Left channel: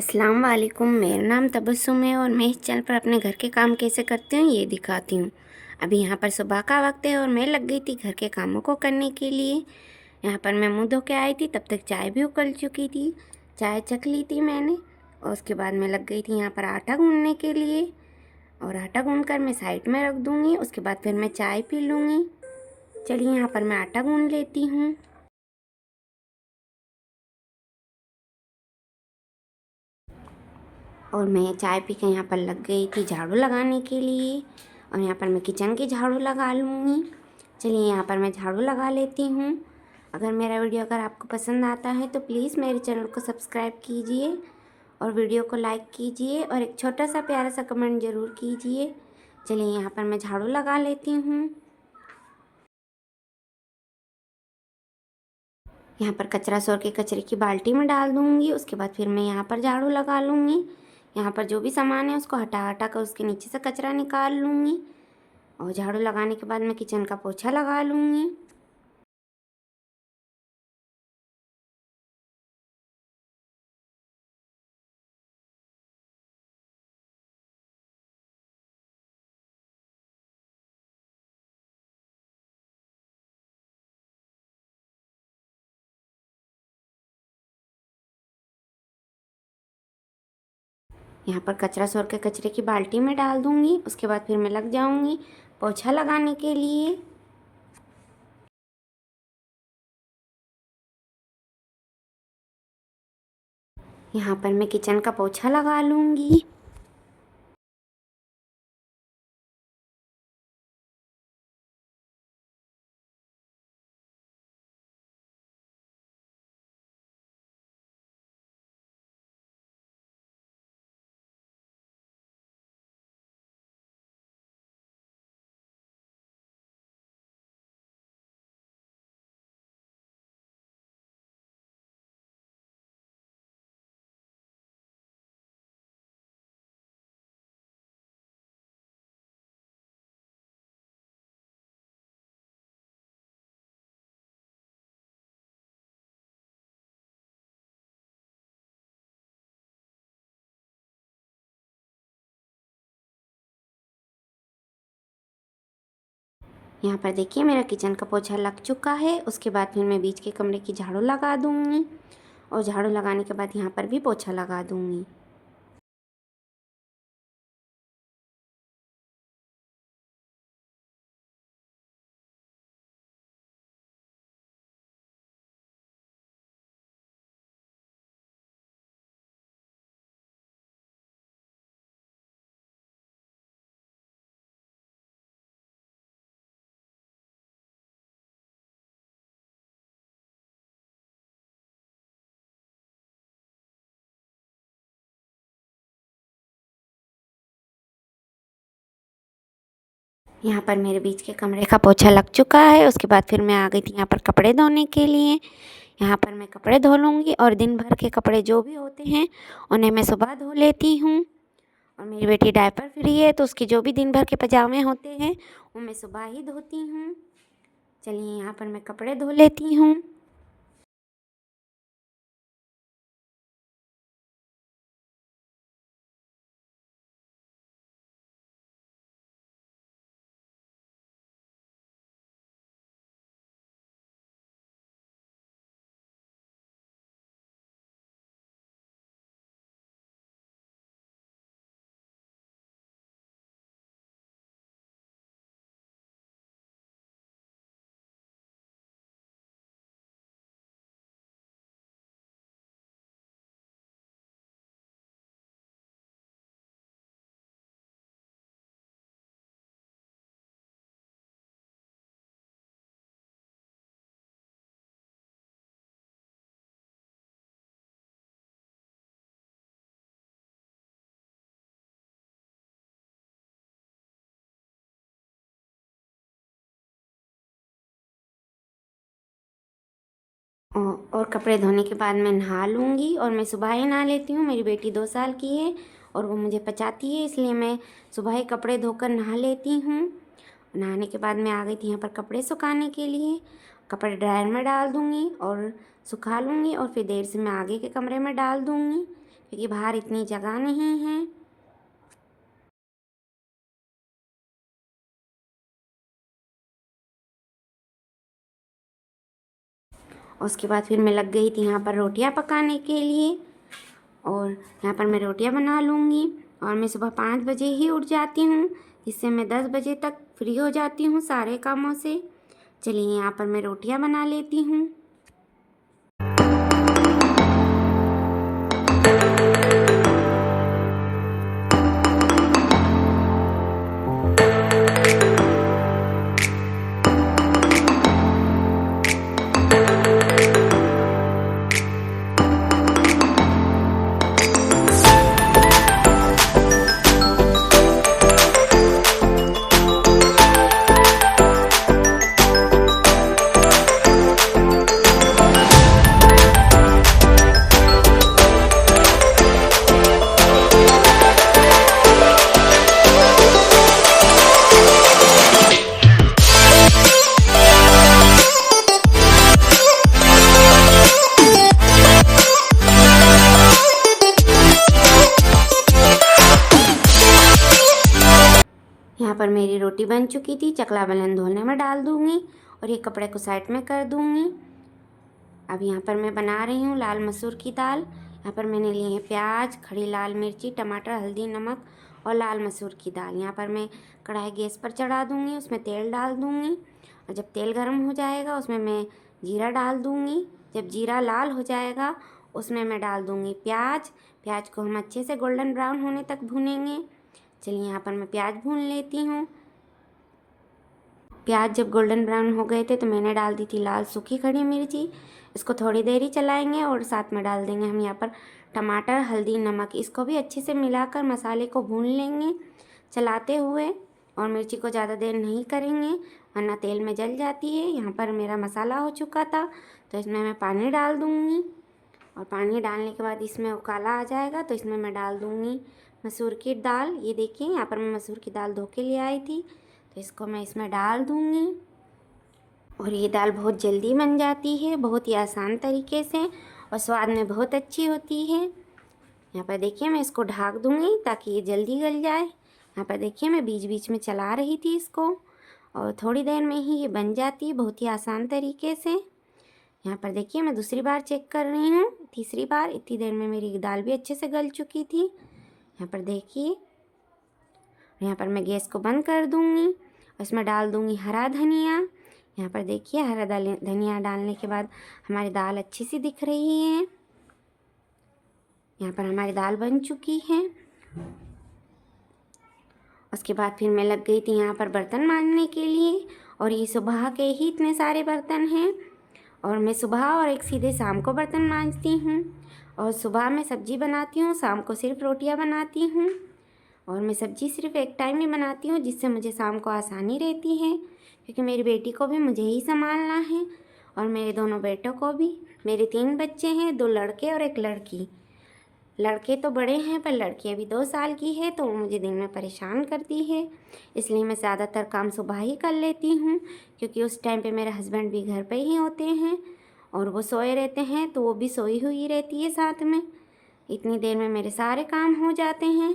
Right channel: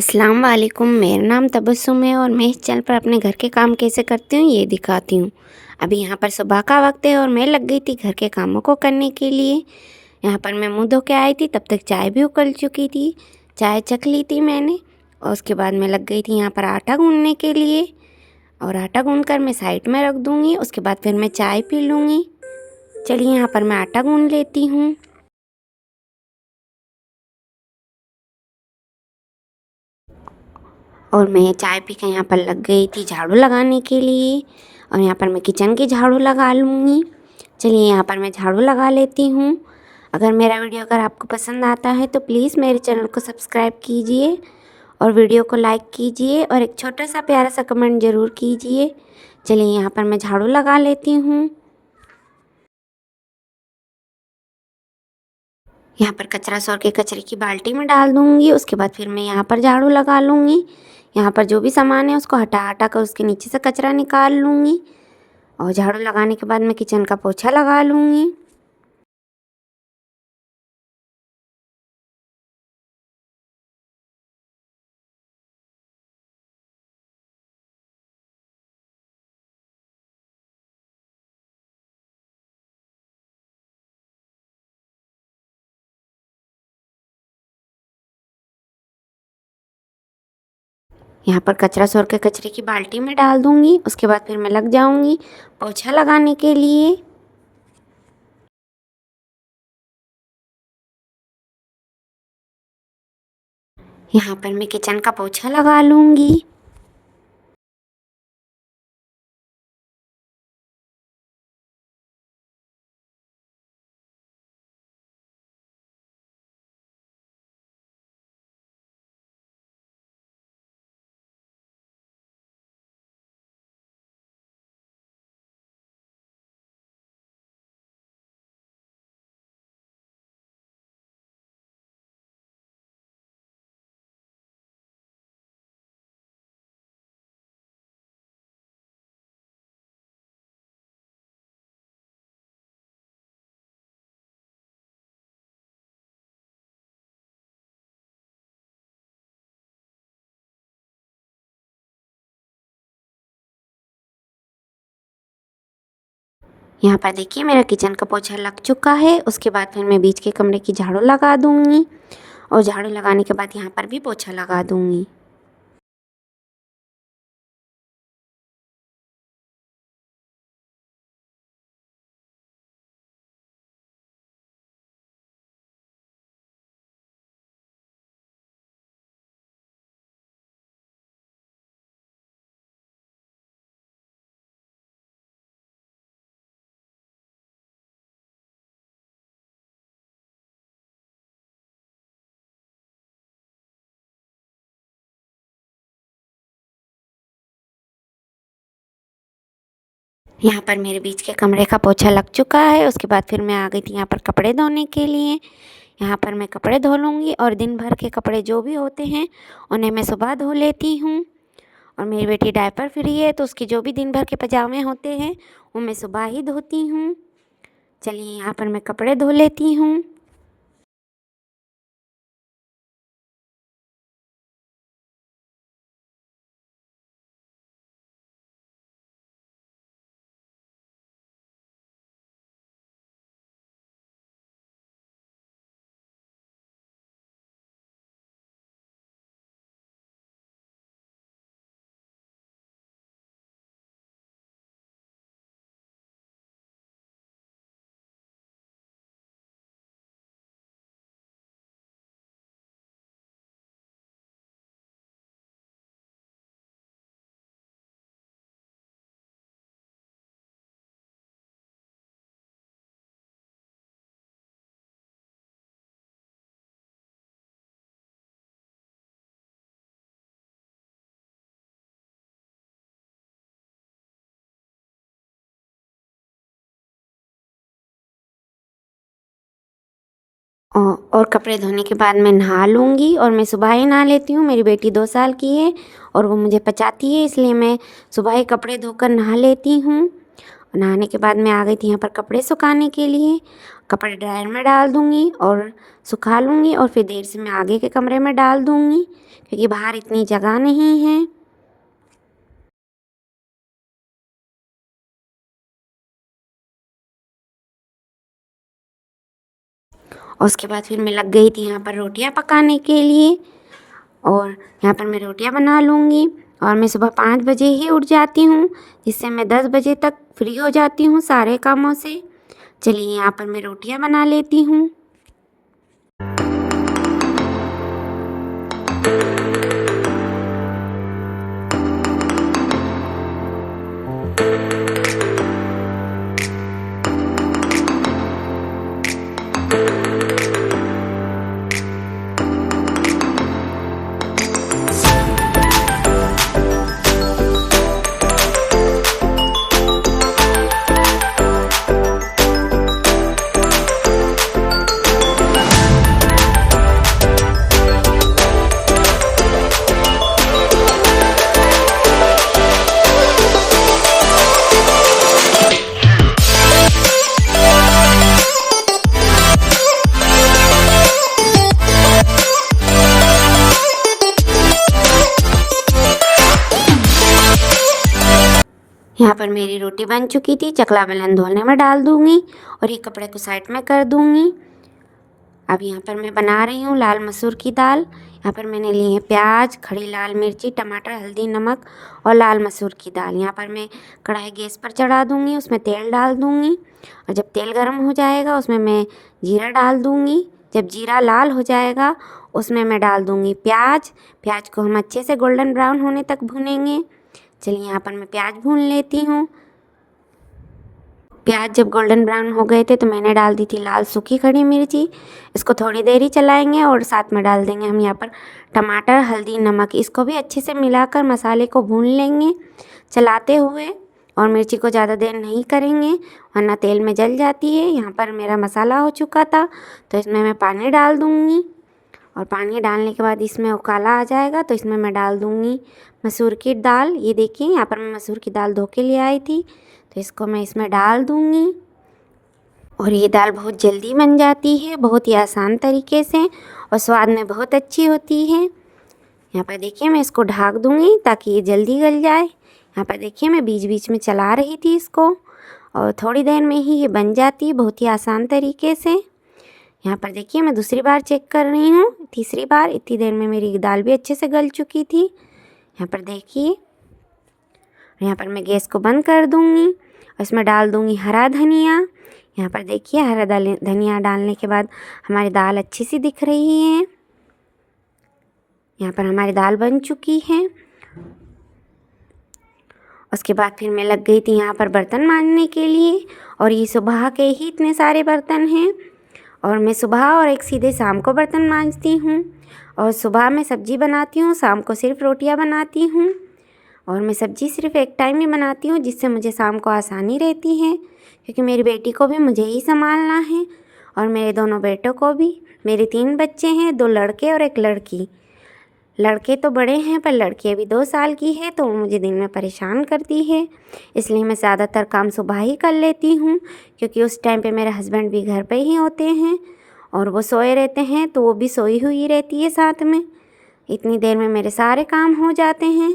अस्सलाम वालेकुम। मेरा नाम तबस्सुम है और मैं इस चैनल पर अपने घर के काम कैसे करती हूँ ये दिखाती हूँ। अभी यहाँ पर सुबह का वक्त है और मैं लग गई थी घर के कामों को करने के लिए। यहाँ पर मैं मुँह धो के आई थी, तब तक चाय भी उकल चुकी थी। चाय चख ली थी मैंने और उसके बाद मैं लग गई थी यहाँ पर आटा गूँधने के लिए। और आटा गूँध कर मैं साइड में रख दूँगी, उसके बाद फिर मैं चाय पी लूँगी। चलिए यहाँ पर मैं आटा गूँध लेती हूँ। और मैं चाय पी के यहाँ पर लग गई थी झाड़ू लगाने के लिए। और यहाँ पर मैं किचन की झाड़ू लगा लूँगी। चलिए यहाँ पर मैं झाड़ू लगा लेती हूँ। अगर मेरा वीडियो अगर आपको पसंद आता है तो प्लीज़ मेरे चैनल को सब्सक्राइब कीजिए और वीडियो को लाइक कीजिए और एक छोटा सा प्यारा सा कमेंट ज़रूर कीजिए। चलिए यहाँ पर मैं झाड़ू लगा लेती हूँ। यहाँ पर कचरा सौर के कचरे की बाल्टी में डाल दूँगी, उसके बाद फिर मैं यहाँ पर झाड़ू लगा लूँगी। यहाँ पर जो भी सामान है उसको हटा हटा कर उसके नीचे से कचरा निकाल लूँगी। और झाड़ू लगाने के बाद मैं किचन का पोछा लगा लूँगी। यहाँ पर कचरा सौर के कचरे की बाल्टी में डाल दूँगी, उसके बाद फिर मैं लग जाऊँगी पोछा लगाने के लिए। यहाँ पर मैं किचन का पोछा लगा लूँगी। यहाँ पर देखिए मेरा किचन का पोछा लग चुका है। उसके बाद फिर मैं बीच के कमरे की झाड़ू लगा दूँगी और झाड़ू लगाने के बाद यहाँ पर भी पोछा लगा दूँगी। यहाँ पर मेरे बीच के कमरे का पोछा लग चुका है। उसके बाद फिर मैं आ गई थी यहाँ पर कपड़े धोने के लिए। यहाँ पर मैं कपड़े धो लूँगी और दिन भर के कपड़े जो भी होते हैं उन्हें मैं सुबह धो लेती हूँ। और मेरी बेटी डायपर फ्री है तो उसके जो भी दिन भर के पजामे होते हैं वो मैं सुबह ही धोती हूँ। चलिए यहाँ पर मैं कपड़े धो लेती हूँ। और कपड़े धोने के बाद मैं नहा लूँगी और मैं सुबह ही नहा लेती हूँ। मेरी बेटी 2 साल की है और वो मुझे पचाती है, इसलिए मैं सुबह ही कपड़े धोकर नहा लेती हूँ। नहाने के बाद मैं आ गई थी यहाँ पर कपड़े सुखाने के लिए। कपड़े ड्रायर में डाल दूँगी और सुखा लूँगी और फिर देर से मैं आगे के कमरे में डाल दूँगी क्योंकि बाहर इतनी जगह नहीं है। और उसके बाद फिर मैं लग गई थी यहाँ पर रोटियाँ पकाने के लिए, और यहाँ पर मैं रोटियाँ बना लूँगी। और मैं सुबह 5 बजे ही उठ जाती हूँ, जिससे मैं 10 बजे तक फ्री हो जाती हूँ सारे कामों से। चलिए यहाँ पर मैं रोटियाँ बना लेती हूँ। यहाँ पर मेरी रोटी बन चुकी थी, चकला बेलन धोने में डाल दूँगी और ये कपड़े को साइड में कर दूँगी। अब यहाँ पर मैं बना रही हूँ लाल मसूर की दाल। यहाँ पर मैंने लिए हैं प्याज, खड़ी लाल मिर्ची, टमाटर, हल्दी, नमक और लाल मसूर की दाल। यहाँ पर मैं कढ़ाई गैस पर चढ़ा दूँगी, उसमें तेल डाल दूँगी और जब तेल गर्म हो जाएगा उसमें मैं जीरा डाल दूँगी। जब जीरा लाल हो जाएगा उसमें मैं डाल दूँगी प्याज। प्याज को हम अच्छे से गोल्डन ब्राउन होने तक भूनेंगे। चलिए यहाँ पर मैं प्याज भून लेती हूँ। प्याज जब गोल्डन ब्राउन हो गए थे तो मैंने डाल दी थी लाल सूखी खड़ी मिर्ची। इसको थोड़ी देर ही चलाएंगे और साथ में डाल देंगे हम यहाँ पर टमाटर, हल्दी, नमक। इसको भी अच्छे से मिलाकर मसाले को भून लेंगे चलाते हुए, और मिर्ची को ज़्यादा देर नहीं करेंगे वरना तेल में जल जाती है। यहाँ पर मेरा मसाला हो चुका था तो इसमें मैं पानी डाल दूँगी, और पानी डालने के बाद इसमें उकाला आ जाएगा तो इसमें मैं डाल दूँगी मसूर की दाल। ये देखिए यहाँ पर मैं मसूर की दाल धो के ले आई थी तो इसको मैं इसमें डाल दूँगी। और ये दाल बहुत जल्दी बन जाती है, बहुत ही आसान तरीके से, और स्वाद में बहुत अच्छी होती है। यहाँ पर देखिए मैं इसको ढक दूँगी ताकि ये जल्दी गल जाए। यहाँ पर देखिए मैं बीच बीच में चला रही थी इसको, और थोड़ी देर में ही ये बन जाती है बहुत ही आसान तरीके से। यहाँ पर देखिए मैं दूसरी बार चेक कर रही हूँ, तीसरी बार। इतनी देर में मेरी दाल भी अच्छे से गल चुकी थी। यहाँ पर देखिए, यहाँ पर मैं गैस को बंद कर दूँगी और इसमें डाल दूँगी हरा धनिया। यहाँ पर देखिए हरा धनिया डालने के बाद हमारी दाल अच्छी सी दिख रही है। यहाँ पर हमारी दाल बन चुकी है। उसके बाद फिर मैं लग गई थी यहाँ पर बर्तन मांजने के लिए, और ये सुबह के ही इतने सारे बर्तन हैं। और मैं सुबह और एक सीधे शाम को बर्तन मांजती हूँ, और सुबह मैं सब्ज़ी बनाती हूँ, शाम को सिर्फ रोटियाँ बनाती हूँ। और मैं सब्ज़ी सिर्फ एक टाइम ही बनाती हूँ जिससे मुझे शाम को आसानी रहती है, क्योंकि मेरी बेटी को भी मुझे ही संभालना है और मेरे दोनों बेटों को भी। मेरे 3 बच्चे हैं, 2 लड़के और 1 लड़की। लड़के तो बड़े हैं पर लड़की अभी 2 साल की है तो वो मुझे दिन में परेशान करती है, इसलिए मैं ज़्यादातर काम सुबह ही कर लेती हूँ, क्योंकि उस टाइम पे मेरे हस्बैंड भी घर पे ही होते हैं और वो सोए रहते हैं तो वो भी सोई हुई रहती है साथ में। इतनी देर में मेरे सारे काम हो जाते हैं।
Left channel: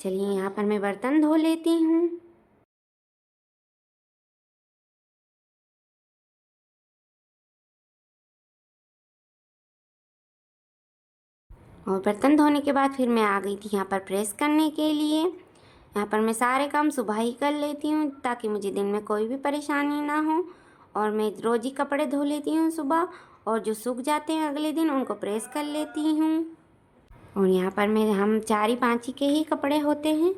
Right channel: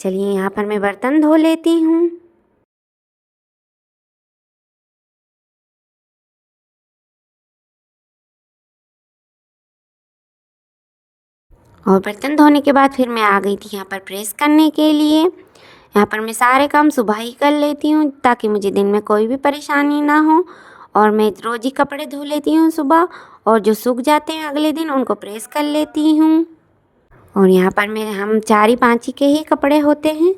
चलिए यहाँ पर मैं बर्तन धो लेती हूँ। और बर्तन धोने के बाद फिर मैं आ गई थी यहाँ पर प्रेस करने के लिए। यहाँ पर मैं सारे काम सुबह ही कर लेती हूँ ताकि मुझे दिन में कोई भी परेशानी ना हो, और मैं रोज़ ही कपड़े धो लेती हूँ सुबह, और जो सूख जाते हैं अगले दिन उनको प्रेस कर लेती हूँ। और यहाँ पर मैं हम 4 ही 5 ही के ही कपड़े होते हैं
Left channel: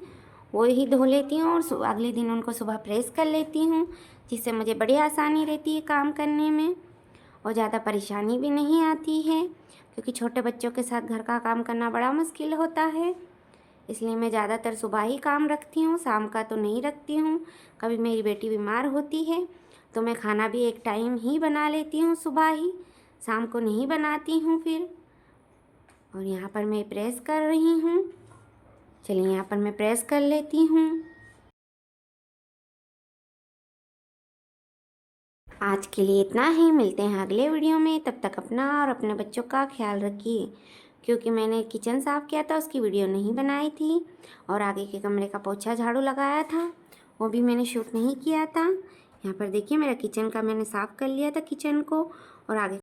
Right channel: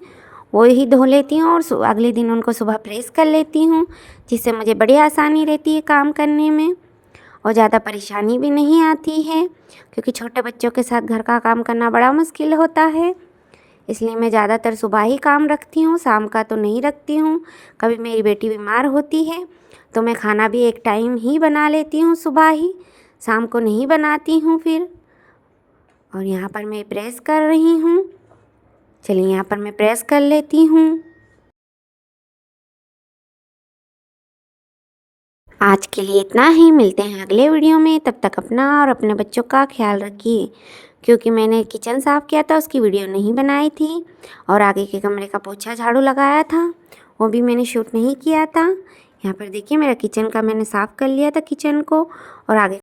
वो ही धो लेती हूँ, और अगले दिन उनको सुबह प्रेस कर लेती हूँ, जिससे मुझे बड़ी आसानी रहती है काम करने में और ज़्यादा परेशानी भी नहीं आती है, क्योंकि छोटे बच्चों के साथ घर का काम करना बड़ा मुश्किल होता है। इसलिए मैं ज़्यादातर सुबह ही काम रखती हूँ, शाम का तो नहीं रखती हूँ। कभी मेरी बेटी बीमार होती है तो मैं खाना भी एक टाइम ही बना लेती हूँ सुबह ही, शाम को नहीं बनाती हूँ फिर। और यहाँ पर मैं प्रेस कर रही हूँ। चलिए यहाँ पर मैं प्रेस कर लेती हूँ। आज के लिए इतना ही, मिलते हैं अगले वीडियो में। तब तक अपना और अपने बच्चों का ख्याल रखिए। क्योंकि मैंने किचन साफ़ किया था, उसकी वीडियो नहीं बनाई थी। और आगे के कमरे का पोछा झाड़ू लगाया था, वो भी मैंने शूट नहीं किया था। यहाँ पर देखिए मेरा किचन का मैंने साफ़ कर लिया था किचन को, और आगे